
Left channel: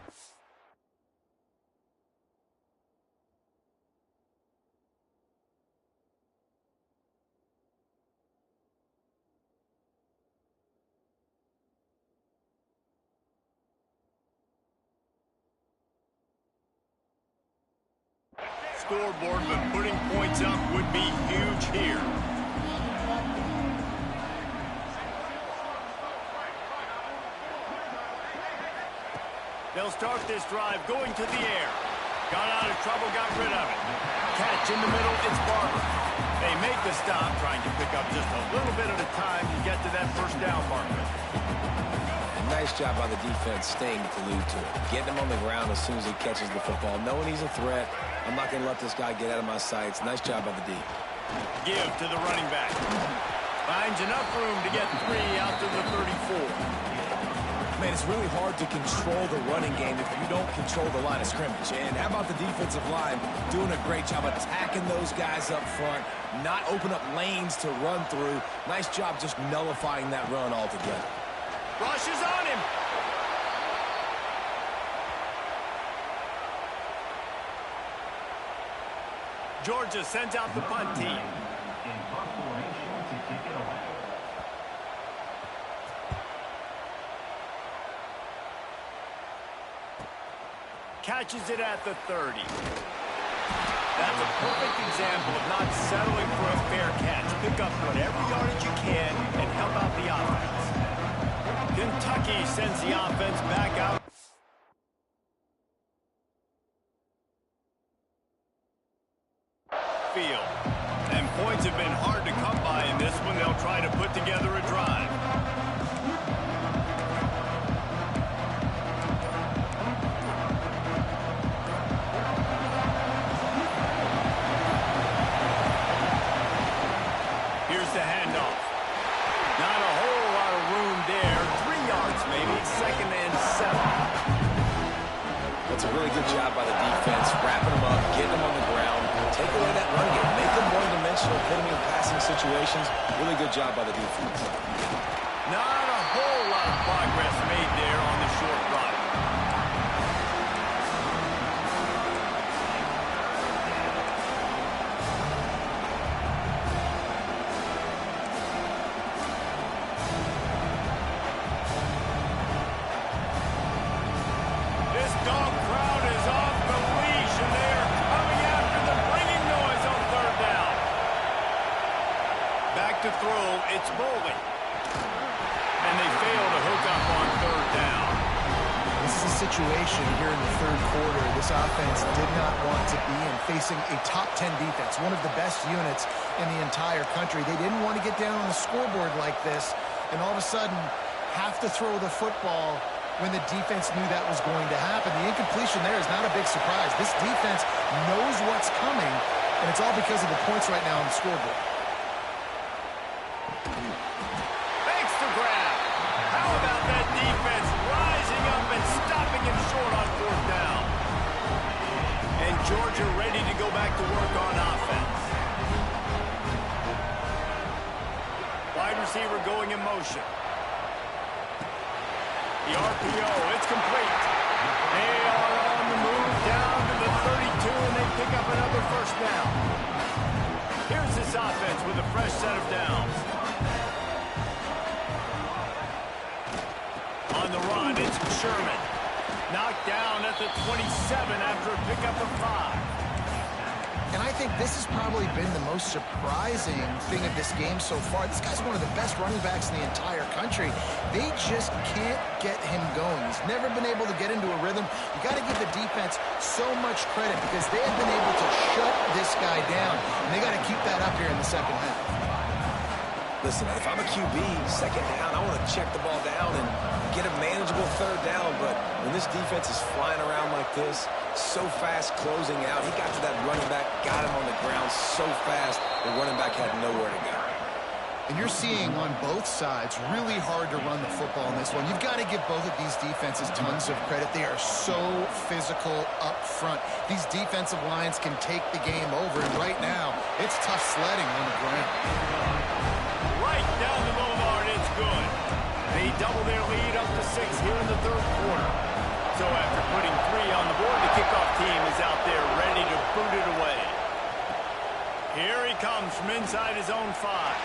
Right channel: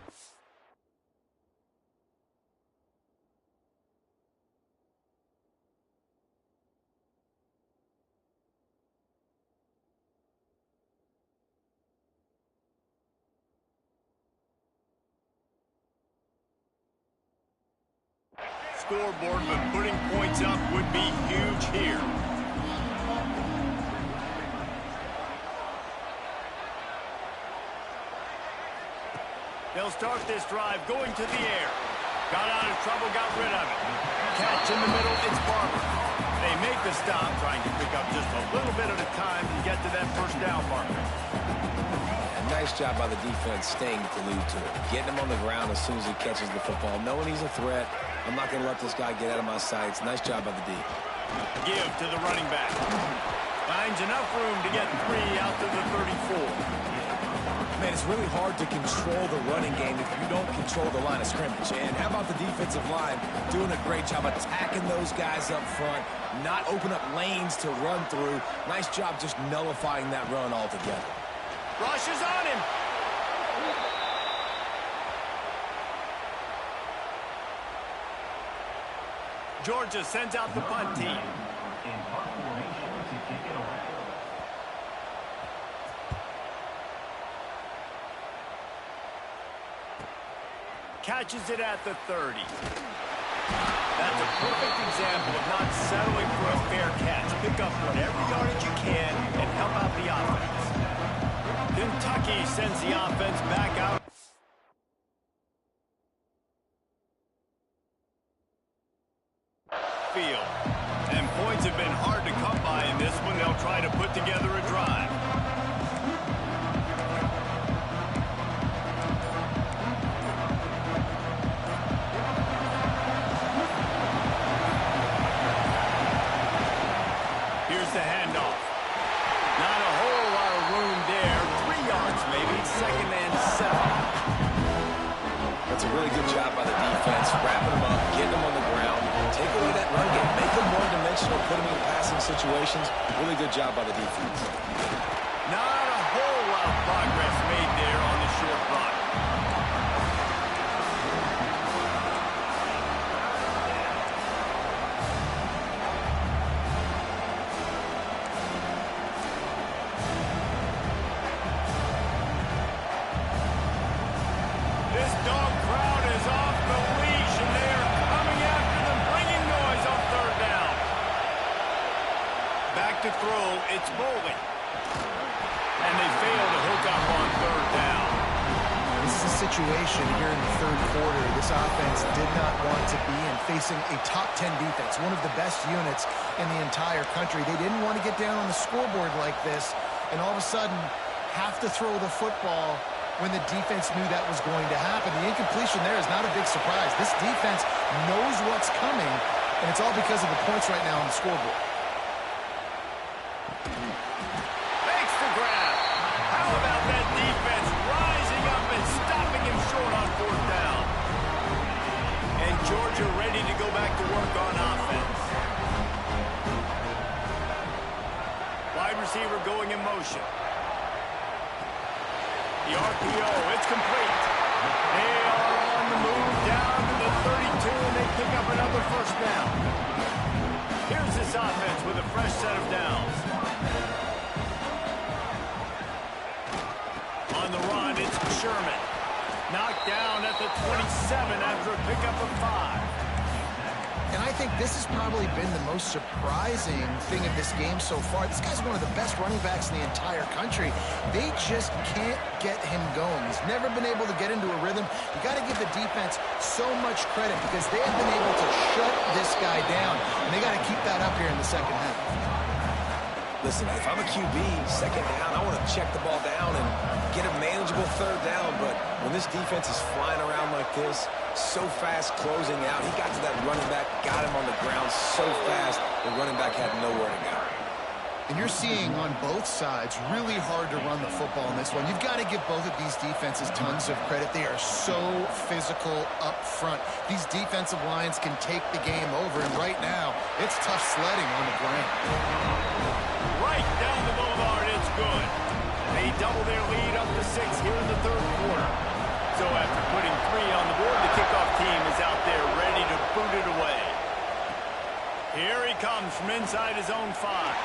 Scoreboard, but putting points up would be huge here. They'll start this drive going to the air. Got out of trouble, got rid of it. Catch in the middle, it's Barber. They make the stop, trying to pick up just a little bit at a time to get to that first down marker. Nice job by the defense staying glued to it. Getting him on the ground as soon as he catches the football. Knowing he's a threat, I'm not going to let this guy get out of my sights. Nice job by the D. Give to the running back. Finds enough room to get 3 out to the 34. Man, it's really hard to control the running game if you don't control the line of scrimmage. And how about the defensive line doing a great job attacking those guys up front, not open up lanes to run through. Nice job just nullifying that run altogether. Rushes on him. Georgia sends out the punt team. Catches it at the 30. That's a perfect example of not settling for a fair catch. Pick up whatever yardage you can and help out the offense. Kentucky sends the offense back out. Field. And points have been hard to come by in this one. They'll try to put together a drive. Here's the handoff. Not a whole lot of room there. 3 yards maybe. 2nd and 7. That's a really good job by the defense, wrapping them up, getting them on the ground, take away that run game, make them one-dimensional, put them in passing situations. Really good job by the defense. Not a whole lot of progress made there on the short run. This dog crowd is off the leash, and they are coming after them, bringing noise on 3rd down. Back to throw, it's Bowling. And they fail to hook up on 3rd down. This is a situation here in the 3rd quarter this offense did not want to be in, facing a top 10 defense, one of the best units in the entire country. They didn't want to get down on the scoreboard like this, and all of a sudden have to throw the football when the defense knew that was going to happen. The incompletion there is not a big surprise. This defense knows what's coming, and it's all because of the points right now on the scoreboard. Makes the grab. How about that defense rising up and stopping him short on 4th down? And Georgia ready to go back to work on offense. Wide receiver going in motion. The RPO, it's complete. They are on the move down to the 32, and they pick up another 1st down. Here's this offense with a fresh set of downs. On the run, it's Sherman. Knocked down at the 27 after a pickup of 5. And I think this has probably been the most surprising thing of this game so far. This guy's one of the best running backs in the entire country. They just can't get him going. He's never been able to get into a rhythm. You got to give the defense so much credit because they have been able to shut this guy down. And they got to keep that up here in the second half. Listen, if I'm a QB, second down, I want to check the ball down and get a manageable third down. But when this defense is flying around like this, so fast closing out, he got to that running back, got him on the ground so fast, the running back had nowhere to go. And you're seeing on both sides really hard to run the football in this one. You've got to give both of these defenses tons of credit. They are so physical up front. These defensive lines can take the game over, and right now, it's tough sledding on the ground. Right down the boulevard, it's good. They double their lead up to 6 here in the third quarter. So after putting 3 on the board, the kickoff team is out there ready to boot it away. Here he comes from inside his own 5.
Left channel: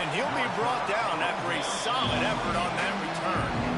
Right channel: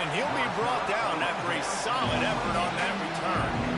And he'll be brought down after a solid effort on that return.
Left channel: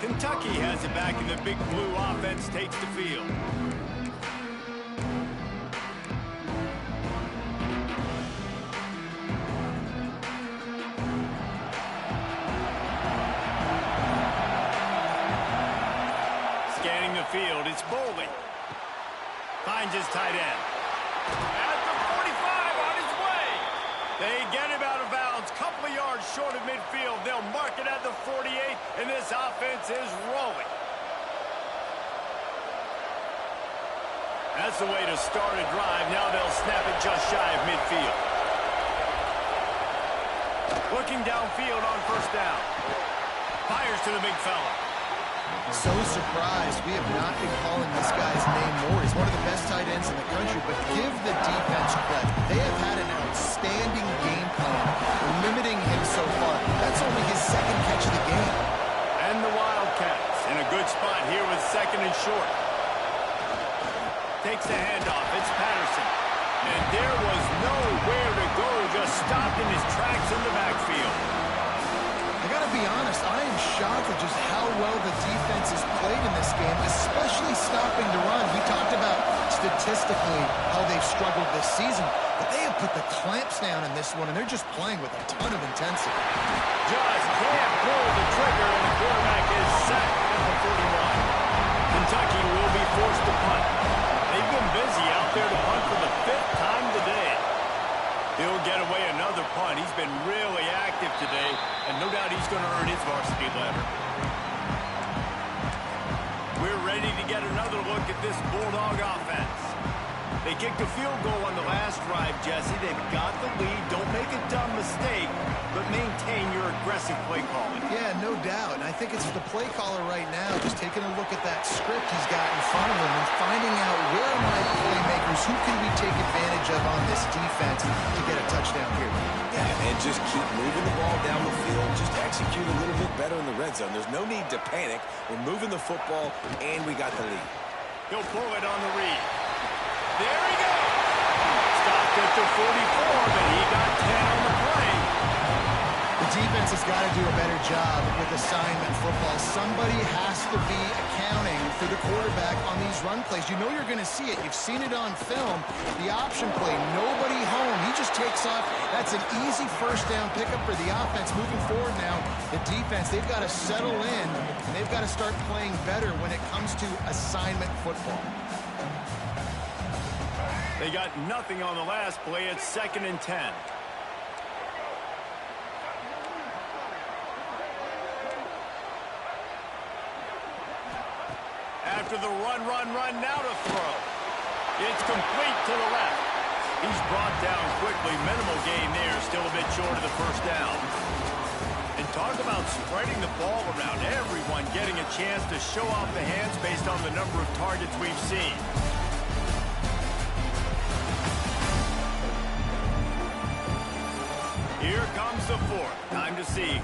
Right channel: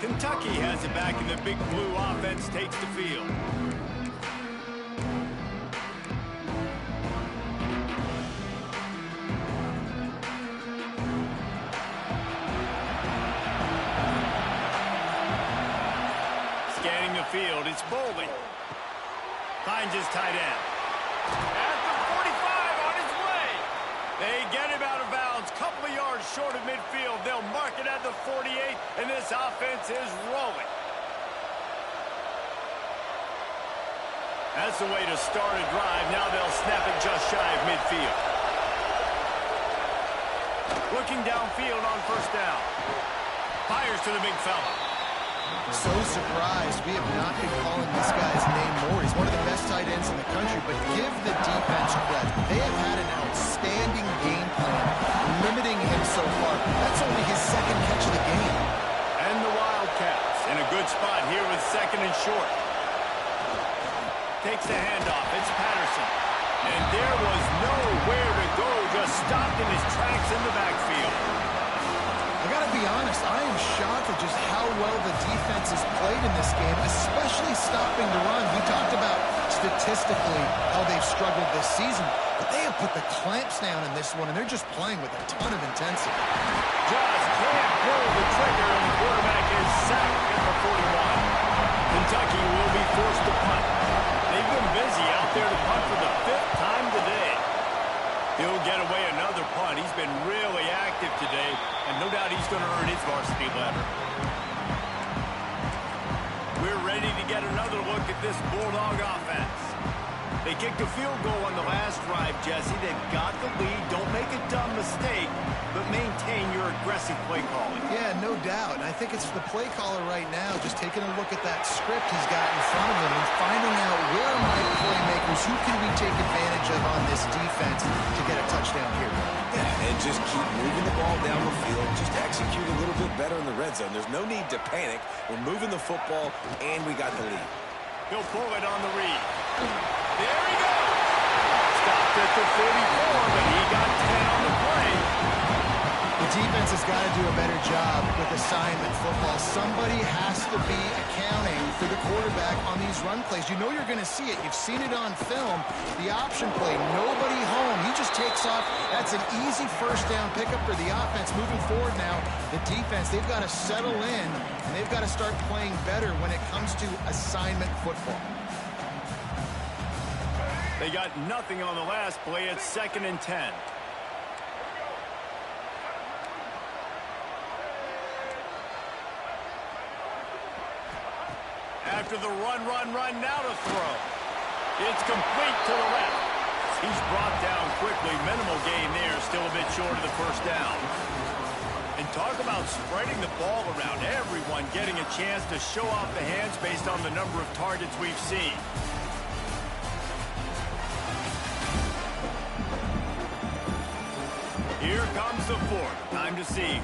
Kentucky has it back, and the big blue offense takes the field. Scanning the field, it's Bowling. Finds his tight end. At the 45, on his way. They get him out of bounds, couple of yards short of midfield. They'll mark it at the 48, and this offense is rolling. That's the way to start a drive. Now they'll snap it just shy of midfield. Looking downfield on first down. Fires to the big fella. So surprised we have not been calling this guy's name more. He's one of the best tight ends in the country, but give the defense credit. They have had an outstanding game plan, limiting him so far. That's only his second catch of the game. And the Wildcats in a good spot here with second and short. Takes the handoff. It's Patterson. And there was nowhere to go, just stopped in his tracks in the backfield. I got to be honest, I am shocked at just how well the defense has played in this game, especially stopping the run. We talked about statistically how they've struggled this season, but they have put the clamps down in this one, and they're just playing with a ton of intensity. Just can't pull the trigger, and the quarterback is sacked at the 41. Kentucky will be forced to punt. They've been busy out there to punt for the 5th time today. He'll get away another punt. He's been really active today, and no doubt he's going to earn his varsity letter. We're ready to get another look at this Bulldog offense. They kicked a field goal on the last drive, Jesse. They've got the lead. Don't make a dumb mistake, but maintain your aggressive play calling. Yeah, no doubt. And I think it's the play caller right now just taking a look at that script he's got in front of him and finding out where are my playmakers, who can we take advantage of on this defense to get a touchdown here. Yeah, and just keep moving the ball down the field. Just execute a little bit better in the red zone. There's no need to panic. We're moving the football, and we got the lead. He'll pull it on the read. There he goes. Stopped at the 44, but he got 10 on the play. The defense has got to do a better job with assignment football. Somebody has to be accounting for the quarterback on these run plays. You know you're going to see it. You've seen it on film. The option play, nobody home. He just takes off. That's an easy first down pickup for the offense. Moving forward now, the defense, they've got to settle in, and they've got to start playing better when it comes to assignment football. They got nothing on the last play. It's 2nd and 10. After the run, now to throw. It's complete to the left. He's brought down quickly. Minimal gain there. Still a bit short of the first down. And talk about spreading the ball around. Everyone getting a chance to show off the hands based on the number of targets we've seen. Here comes the 4th. Time to see